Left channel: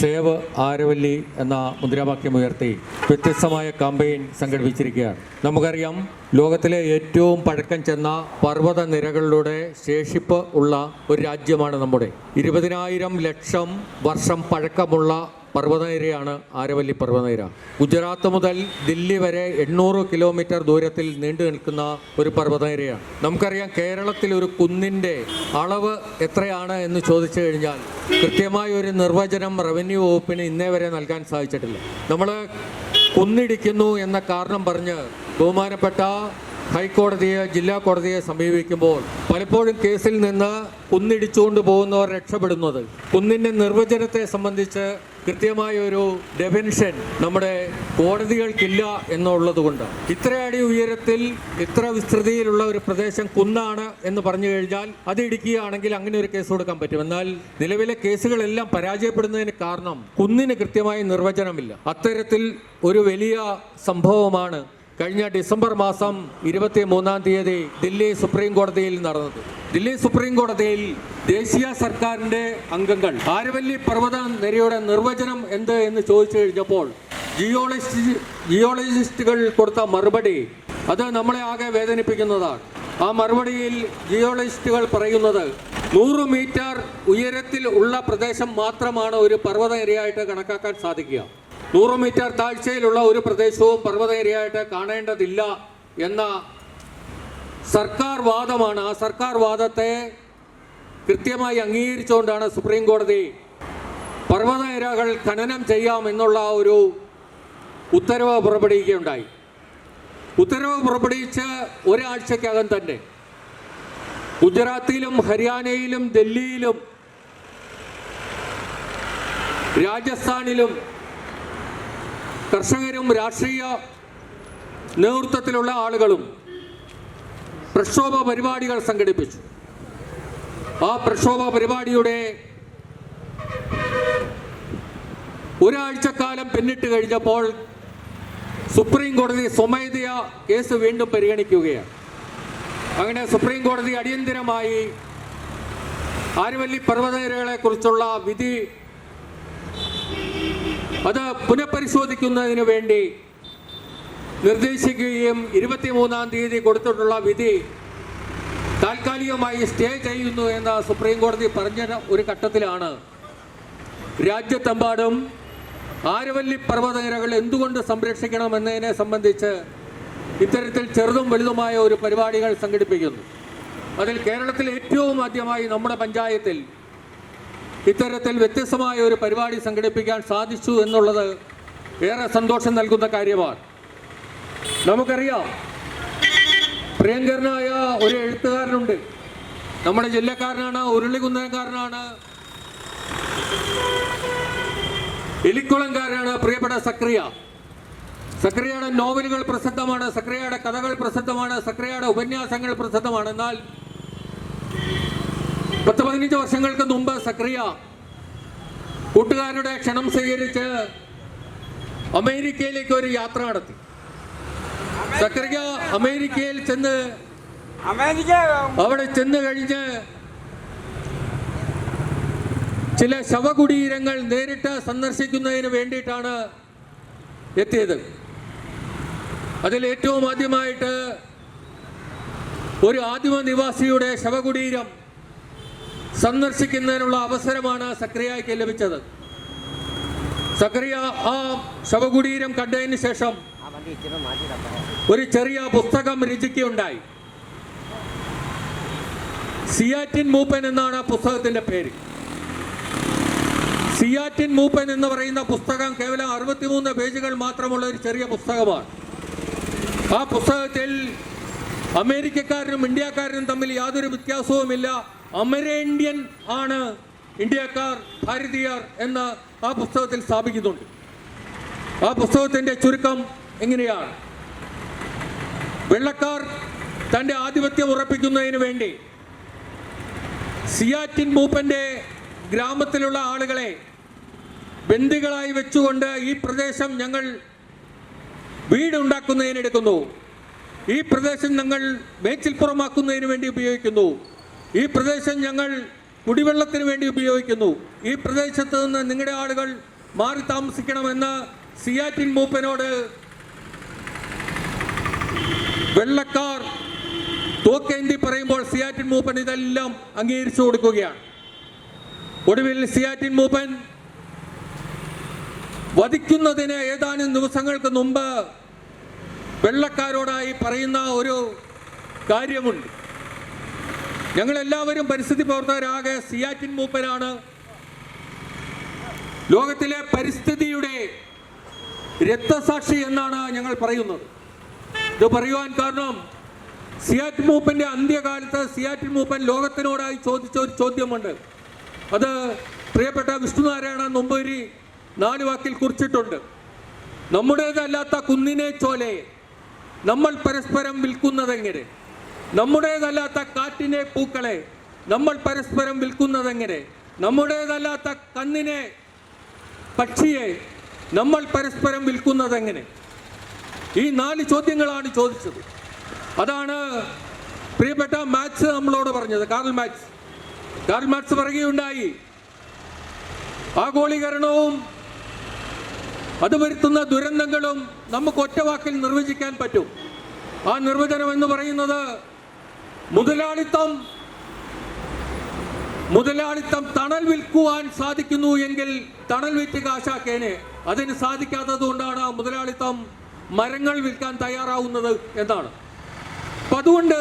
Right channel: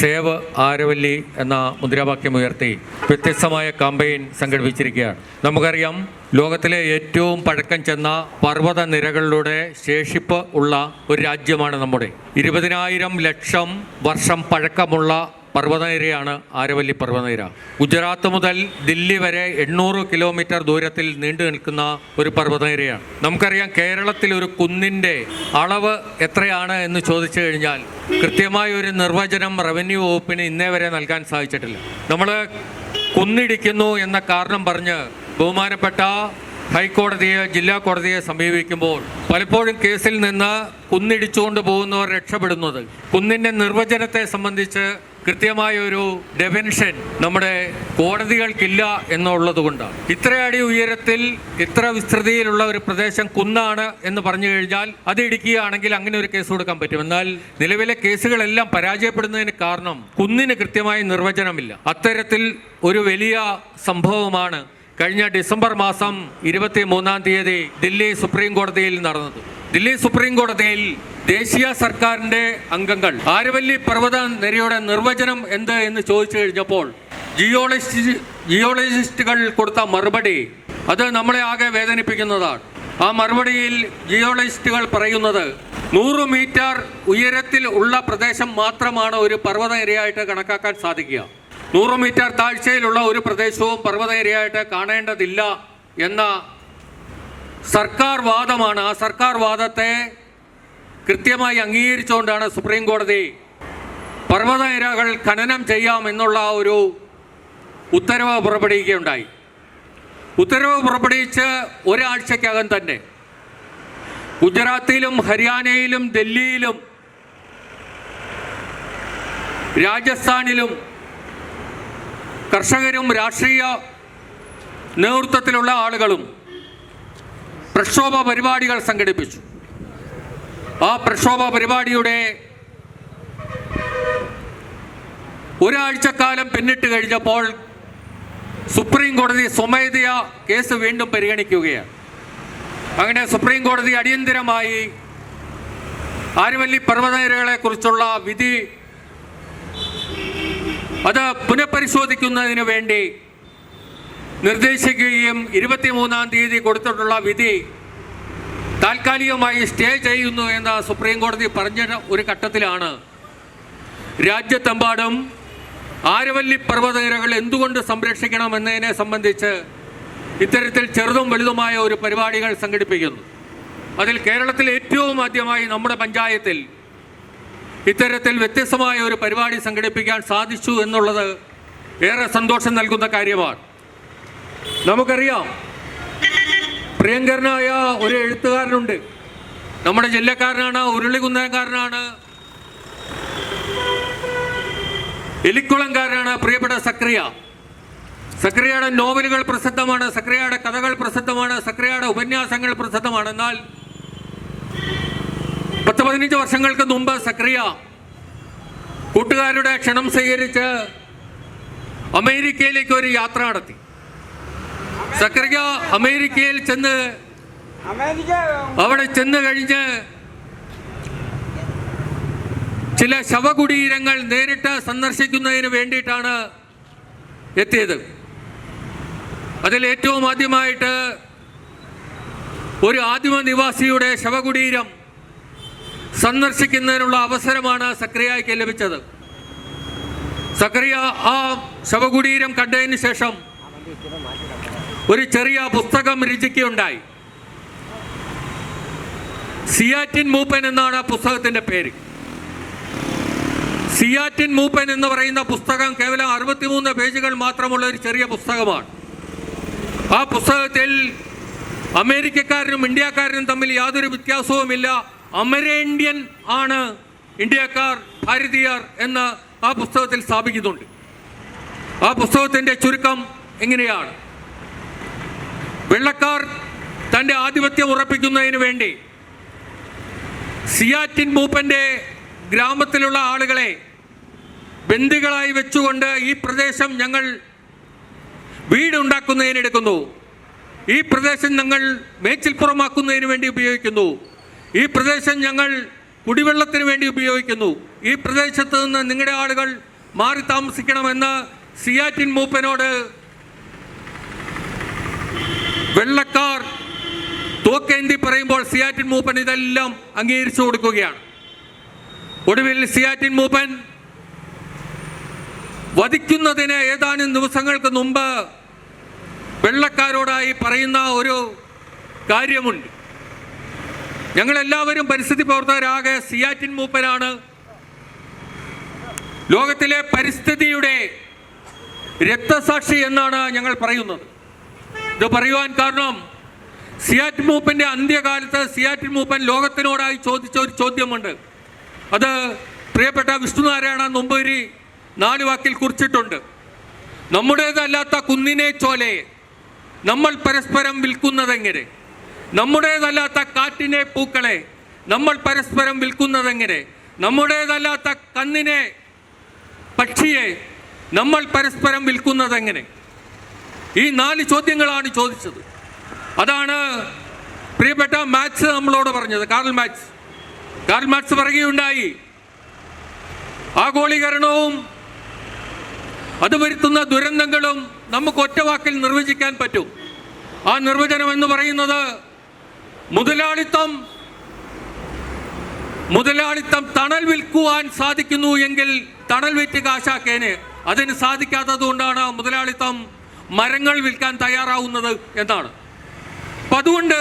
Save Aravalli എന്ന മുദ്രാവാക്യമുയർത്തി വ്യത്യസ്തമായ campaign സംഘടിപ്പിച്ചിരിക്കുകയാണ്. നമുക്കറിയാം, ലോകത്തിലെ ഏറ്റവും പഴക്കം ചെന്ന പർവ്വത നിരകളിലൂടെ ശേഷിപ്പ് ഉള്ള ഒരു രാജ്യമാണ് നമ്മുടെ. 20,000 ലക്ഷം വർഷം പഴക്കമുള്ള പർവ്വതനിരയാണ് ആരവല്ലി പർവ്വതനിര. ഗുജറാത്ത് മുതൽ ദില്ലി വരെ 800 കിലോമീറ്റർ ദൂരത്തിൽ നീണ്ടു നിൽക്കുന്ന ഒരു പർവ്വതനിരയാണ്. നമുക്കറിയാം, കേരളത്തിൽ ഒരു കുന്നിൻ്റെ അളവ് എത്രയാണ് എന്ന് ചോദിച്ചു കഴിഞ്ഞാൽ കൃത്യമായ ഒരു നിർവചനം റവന്യൂ വകുപ്പിന് ഇന്നേ വരെ നൽകാൻ സാധിച്ചിട്ടില്ല. നമ്മൾ കുന്നിടിക്കുന്നു എന്ന കാരണം പറഞ്ഞ് ബഹുമാനപ്പെട്ട ഹൈക്കോടതിയെ, ജില്ലാ കോടതിയെ സമീപിക്കുമ്പോൾ പലപ്പോഴും കേസിൽ നിന്ന് കുന്നിടിച്ചുകൊണ്ട് പോകുന്നവർ രക്ഷപ്പെടുന്നത് കുന്നിൻ്റെ നിർവചനത്തെ സംബന്ധിച്ച് കൃത്യമായൊരു ഡെഫിനിഷൻ നമ്മുടെ കോടതികൾക്കില്ല എന്നുള്ളത് കൊണ്ട് ഇത്ര അടി ഉയരത്തിൽ ഇത്ര വിസ്തൃതിയിലുള്ള ഒരു പ്രദേശം കുന്നാണ് എന്ന് പറഞ്ഞു കഴിഞ്ഞാൽ അത് ഇടിക്കുകയാണെങ്കിൽ അങ്ങനെ ഒരു കേസ് കൊടുക്കാൻ പറ്റും. എന്നാൽ നിലവിലെ കേസുകളെല്ലാം പരാജയപ്പെടുന്നതിന് കാരണം കുന്നിന് കൃത്യമായ നിർവചനമില്ല. അത്തരത്തിൽ ഒരു വലിയ സംഭവമാണ് കഴിഞ്ഞ ഡിസംബർ മാസം 23-ാം തീയതി ദില്ലി സുപ്രീം കോടതിയിൽ നടന്നത്. ദില്ലി സുപ്രീം കോടതിയിൽ ദേശീയ സർക്കാരിൻ്റെ അംഗങ്ങൾ ആരവല്ലി പർവ്വത നിരയുടെ നിർവചനം എന്ത് എന്ന് ചോദിച്ചു കഴിഞ്ഞപ്പോൾ ജിയോളജിസ്റ്റുകൾ കൊടുത്ത മറുപടി അത് നമ്മളെ ആകെ വേദനിപ്പിക്കുന്നതാണ്. ആ മറുപടിയിൽ ജിയോളജിസ്റ്റുകൾ പറയുന്നത് 100 മീറ്റർ ഉയരത്തിൽ ഉള്ള പ്രദേശം മാത്രമാണ് ഒരു പർവ്വത നിരയായിട്ട് കണക്കാക്കാൻ സാധിക്കുക. 100 മീറ്റർ താഴ്ചയിലുള്ള ഒരു പ്രദേശവും പർവ്വതനിരയായിട്ട് കാണേണ്ടതില്ല എന്ന സർക്കാർ വാദമാണ്. ആ സർക്കാർ വാദത്തെ കൃത്യമായി അംഗീകരിച്ചുകൊണ്ടാണ് സുപ്രീം കോടതി പർവ്വതനിരകൾ ഖനനം ചെയ്യാമെന്നുള്ള ഒരു ഉത്തരവ് പുറപ്പെടുവിക്കുകയുണ്ടായി. ഉത്തരവ് പുറപ്പെടുവിച്ച് ഒരാഴ്ചക്കകം തന്നെ ഗുജറാത്തിലും ഹരിയാനയിലും ഡൽഹിയിലും രാജസ്ഥാനിലും കർഷകരും രാഷ്ട്രീയ നേതൃത്വത്തിലുള്ള ആളുകളും പ്രക്ഷോഭ പരിപാടികൾ സംഘടിപ്പിച്ചു. ആ പ്രക്ഷോഭ പരിപാടിയുടെ ഒരാഴ്ചക്കാലം പിന്നിട്ട് കഴിഞ്ഞപ്പോൾ സുപ്രീം കോടതി സ്വമേധയാ കേസ് വീണ്ടും പരിഗണിക്കുകയാണ്. അങ്ങനെ സുപ്രീം കോടതി അടിയന്തരമായി ആരവല്ലി പർവ്വതനിരകളെ കുറിച്ചുള്ള വിധി അത് പുനഃപരിശോധിക്കുന്നതിന് വേണ്ടി നിർദ്ദേശിക്കുകയും 23-ാം തീയതി കൊടുത്തിട്ടുള്ള വിധി താൽക്കാലികമായി സ്റ്റേ ചെയ്യുന്നു എന്ന് സുപ്രീം കോടതി പറഞ്ഞ ഒരു ഘട്ടത്തിലാണ് രാജ്യത്തെമ്പാടും ആരവല്ലി പർവ്വതനിരകൾ എന്തുകൊണ്ട് സംരക്ഷിക്കണം എന്നതിനെ സംബന്ധിച്ച് ഇത്തരത്തിൽ ചെറുതും വലുതുമായ ഒരു പരിപാടികൾ സംഘടിപ്പിക്കുന്നു. അതിൽ കേരളത്തിൽ ഏറ്റവും ആദ്യമായി നമ്മുടെ പഞ്ചായത്തിൽ ഇത്തരത്തിൽ വ്യത്യസ്തമായ ഒരു പരിപാടി സംഘടിപ്പിക്കാൻ സാധിച്ചു എന്നുള്ളത് ഏറെ സന്തോഷം നൽകുന്ന കാര്യമാണ്. നമുക്കറിയാം, പ്രിയങ്കരനായ ഒരു എഴുത്തുകാരനുണ്ട്, നമ്മുടെ ജില്ലക്കാരനാണ്, ഉരുളികുന്നകാരനാണ്, എലിക്കുളംകാരനാണ്, പ്രിയപ്പെട്ട സക്രിയ. സക്രിയയുടെ നോവലുകൾ പ്രസിദ്ധമാണ്, സക്രിയയുടെ കഥകൾ പ്രസിദ്ധമാണ്, സക്രിയയുടെ ഉപന്യാസങ്ങൾ പ്രസിദ്ധമാണ്. എന്നാൽ 10-15 വർഷങ്ങൾക്ക് മുമ്പ് സക്രിയ കൂട്ടുകാരുടെ ക്ഷണം സ്വീകരിച്ച് അമേരിക്കയിലേക്ക് ഒരു യാത്ര നടത്തി. സക്രിയ അമേരിക്കയിൽ അവിടെ ചെന്ന് കഴിഞ്ഞ് ചില ശവകുടീരങ്ങൾ നേരിട്ട് സന്ദർശിക്കുന്നതിന് വേണ്ടിയിട്ടാണ് എത്തിയത്. അതിൽ ഏറ്റവും ആദ്യമായിട്ട് ഒരു ആദിമ നിവാസിയുടെ ശവകുടീരം സന്ദർശിക്കുന്നതിനുള്ള അവസരമാണ് സക്രിയയ്ക്ക് ലഭിച്ചത്. സക്രിയ ആ ശവകുടീരം കണ്ടതിന് ശേഷം ഒരു ചെറിയ പുസ്തകം രചിക്കുകയുണ്ടായി. സിയാറ്റിൻ മൂപ്പൻ എന്നാണ് പുസ്തകത്തിന്റെ പേര്. സിയാറ്റിൻ മൂപ്പൻ എന്ന് പറയുന്ന പുസ്തകം കേവലം 63 പേജുകൾ മാത്രമുള്ള ഒരു ചെറിയ പുസ്തകമാണ്. ആ പുസ്തകത്തിൽ അമേരിക്കക്കാരനും ഇന്ത്യക്കാരനും തമ്മിൽ യാതൊരു വ്യത്യാസവുമില്ല, അമരേന്ത്യൻ ആണ് ഇന്ത്യക്കാർ, ഭാരതീയർ എന്ന് ആ പുസ്തകത്തിൽ സ്ഥാപിക്കുന്നുണ്ട്. ആ പുസ്തകത്തിന്റെ ചുരുക്കം എങ്ങനെയാണ്: വെള്ളക്കാർ തൻ്റെ ആധിപത്യം ഉറപ്പിക്കുന്നതിന് വേണ്ടി സിയാറ്റിൻ മൂപ്പന്റെ ഗ്രാമത്തിലുള്ള ആളുകളെ ബന്ദികളായി വെച്ചുകൊണ്ട് ഈ പ്രദേശം ഞങ്ങൾ വീടുണ്ടാക്കുന്നതിനെടുക്കുന്നു, ഈ പ്രദേശം ഞങ്ങൾ മേച്ചിൽപ്പുറമാക്കുന്നതിന് വേണ്ടി ഉപയോഗിക്കുന്നു, ഈ പ്രദേശം ഞങ്ങൾ കുടിവെള്ളത്തിന് വേണ്ടി ഉപയോഗിക്കുന്നു. ഈ പ്രദേശത്ത് നിന്ന് നിങ്ങളുടെ ആളുകൾ മാറി താമസിക്കണമെന്ന് സിയാറ്റിൻ മൂപ്പനോട് വെള്ളക്കാർ തോക്കേന്തി പറയുമ്പോൾ സിയാറ്റിൻ മൂപ്പൻ ഇതെല്ലാം അംഗീകരിച്ചു കൊടുക്കുകയാണ്. ഒടുവിൽ സിയാറ്റിൻ മൂപ്പൻ വധിക്കുന്നതിന് ഏതാനും ദിവസങ്ങൾക്ക് മുമ്പ് വെള്ളക്കാരോടായി പറയുന്ന ഒരു കാര്യമുണ്ട്. ഞങ്ങളെല്ലാവരും പരിസ്ഥിതി പ്രവർത്തകരാകെ സിയാറ്റിൻ മൂപ്പനാണ് ലോകത്തിലെ പരിസ്ഥിതിയുടെ രക്തസാക്ഷി എന്നാണ് ഞങ്ങൾ പറയുന്നത്. ഇത് പറയുവാൻ കാരണം സിയാറ്റിൻ മൂപ്പന്റെ അന്ത്യകാലത്ത് സിയാറ്റിൻ മൂപ്പൻ ലോകത്തിനോടായി ചോദിച്ച ഒരു ചോദ്യമുണ്ട്. അത് പ്രിയപ്പെട്ട വിഷ്ണുനാരായണ നമ്പൂതിരി 4 വാക്കിൽ കുറിച്ചിട്ടുണ്ട്. നമ്മുടേതല്ലാത്ത കുന്നിനെ ചോലയെ നമ്മൾ പരസ്പരം വിൽക്കുന്നതെങ്ങനെ? നമ്മുടേതല്ലാത്ത കാറ്റിനെ പൂക്കളെ നമ്മൾ പരസ്പരം വിൽക്കുന്നതെങ്ങനെ? നമ്മുടേതല്ലാത്ത കന്നിനെ പക്ഷിയെ നമ്മൾ പരസ്പരം വിൽക്കുന്നതെങ്ങനെ? ഈ 4 ചോദ്യങ്ങളാണ് ചോദിച്ചത്. അതാണ് പ്രിയപ്പെട്ട മാക്സ് നമ്മളോട് പറഞ്ഞത്. കാർൽ മാക്സ് പറയുകയുണ്ടായി, ആഗോളീകരണവും അത് വരുത്തുന്ന ദുരന്തങ്ങളും നമുക്ക് ഒറ്റ വാക്കിൽ നിർവചിക്കാൻ പറ്റും. ആ നിർവചനം എന്ന് പറയുന്നത് മുതലാളിത്തം തണൽ വിൽക്കുവാൻ സാധിക്കുന്നു എങ്കിൽ തണൽ വിറ്റ് കാശാക്കേന്. അതിന് സാധിക്കാത്തത് കൊണ്ടാണ് മുതലാളിത്തം മരങ്ങൾ വിൽക്കാൻ തയ്യാറാവുന്നത് എന്നാണ്. അപ്പം അതുകൊണ്ട്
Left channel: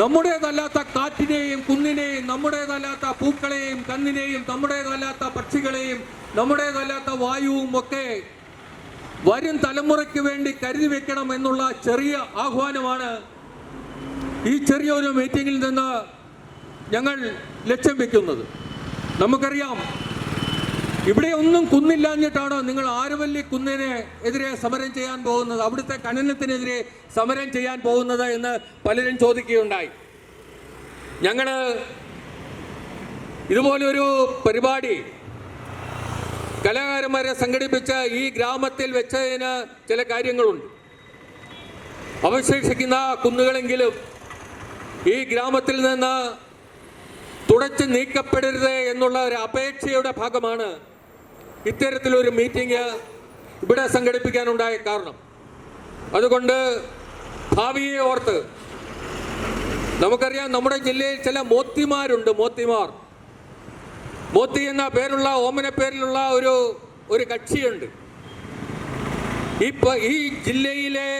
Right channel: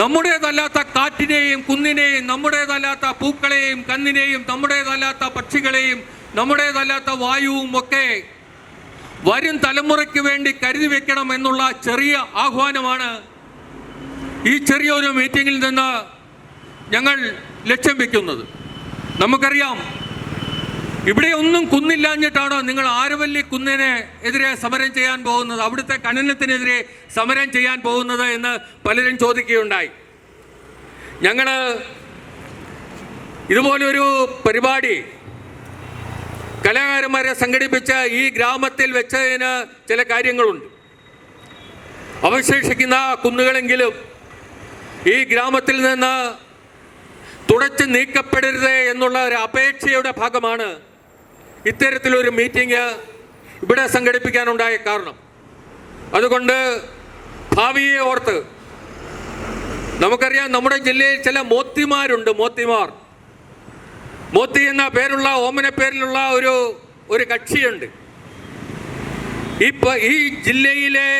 നമ്മുടേതല്ലാത്ത കാറ്റിനെയും കുന്നിനെയും നമ്മുടേതല്ലാത്ത പൂക്കളെയും കന്നിനെയും നമ്മുടേതല്ലാത്ത പക്ഷികളെയും നമ്മുടേതല്ലാത്ത വായുവും ഒക്കെ വരും തലമുറയ്ക്ക് വേണ്ടി കരുതി വെക്കണം എന്നുള്ള ചെറിയ ആഹ്വാനമാണ് ഈ ചെറിയൊരു മീറ്റിങ്ങിൽ നിന്ന് ഞങ്ങൾ ലക്ഷ്യം വെക്കുന്നത്. നമുക്കറിയാം, ഇവിടെ ഒന്നും കുന്നില്ലാഞ്ഞിട്ടാണ് നിങ്ങൾ ആരവല്ലി കുന്നിന് എതിരെ സമരം ചെയ്യാൻ പോകുന്നത്, അവിടുത്തെ ഖനനത്തിനെതിരെ സമരം ചെയ്യാൻ പോകുന്നത് എന്ന് പലരും ചോദിക്കുകയുണ്ടായി. ഞങ്ങൾ ഇതുപോലൊരു പരിപാടി കലാകാരന്മാരെ സംഘടിപ്പിച്ച ഈ ഗ്രാമത്തിൽ വെച്ചതിന് ചില കാര്യങ്ങളുണ്ട്. അവശേഷിക്കുന്ന കുന്നുകളെങ്കിലും ഈ ഗ്രാമത്തിൽ നിന്ന് തുടച്ചു നീക്കപ്പെടരുത് എന്നുള്ള ഒരു അപേക്ഷയുടെ ഭാഗമാണ് ഇത്തരത്തിലൊരു മീറ്റിംഗ് ഇവിടെ സംഘടിപ്പിക്കാനുണ്ടായ കാരണം. അതുകൊണ്ട് ഭാവിയെ ഓർത്ത് നമുക്കറിയാം, നമ്മുടെ ജില്ലയിൽ ചില മോത്തിമാരുണ്ട്. മോത്തി എന്ന പേരുള്ള ഓമന പേരിലുള്ള ഒരു കക്ഷിയുണ്ട്. ഈ ജില്ലയിലെ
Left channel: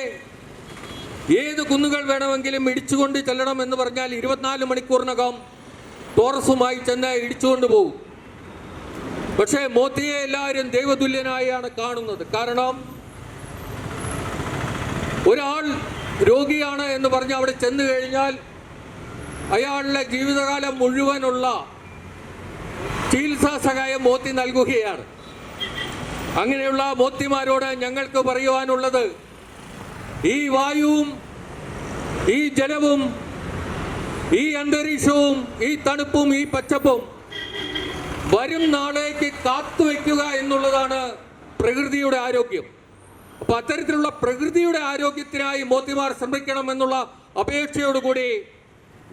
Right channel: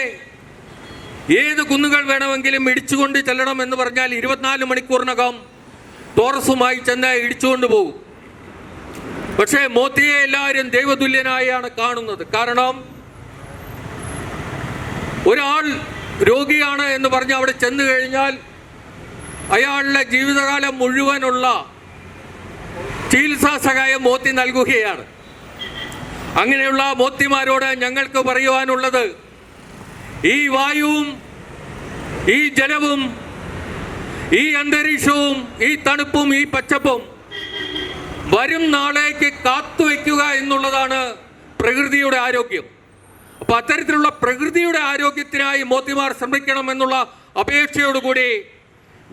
ഏത് കുന്നുകൾ വേണമെങ്കിലും ഇടിച്ചുകൊണ്ട് ചെല്ലണം എന്ന് പറഞ്ഞാൽ 24 മണിക്കൂറിനകം ടോറസുമായി ചെന്ന് ഇടിച്ചുകൊണ്ട് പോകും. പക്ഷേ മോത്തിയെ എല്ലാവരും ദൈവതുല്യനായാണ് കാണുന്നത്. കാരണം ഒരാൾ രോഗിയാണ് എന്ന് പറഞ്ഞ് അവിടെ ചെന്ന് കഴിഞ്ഞാൽ അയാളുടെ ജീവിതകാലം മുഴുവനുള്ള ചികിത്സാ സഹായം മോത്തി നൽകുകയാണ്. അങ്ങനെയുള്ള മോത്തിമാരോട് ഞങ്ങൾക്ക് പറയുവാനുള്ളത്, ഈ വായുവും ഈ ജലവും ഈ അന്തരീക്ഷവും ഈ തണുപ്പും ഈ പച്ചപ്പും വരും നാളേക്ക് കാത്തുവെക്കുക എന്നുള്ളതാണ് പ്രകൃതിയുടെ ആരോഗ്യം. അപ്പൊ അത്തരത്തിലുള്ള പ്രകൃതിയുടെ ആരോഗ്യത്തിനായി മോത്തിമാർ ശ്രമിക്കണം എന്നുള്ള അപേക്ഷയോടുകൂടി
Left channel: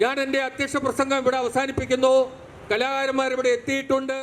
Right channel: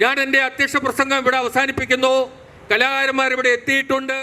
ഞാൻ എൻ്റെ അധ്യക്ഷ പ്രസംഗം ഇവിടെ അവസാനിപ്പിക്കുന്നു. കലാകാരന്മാർ ഇവിടെ എത്തിയിട്ടുണ്ട്.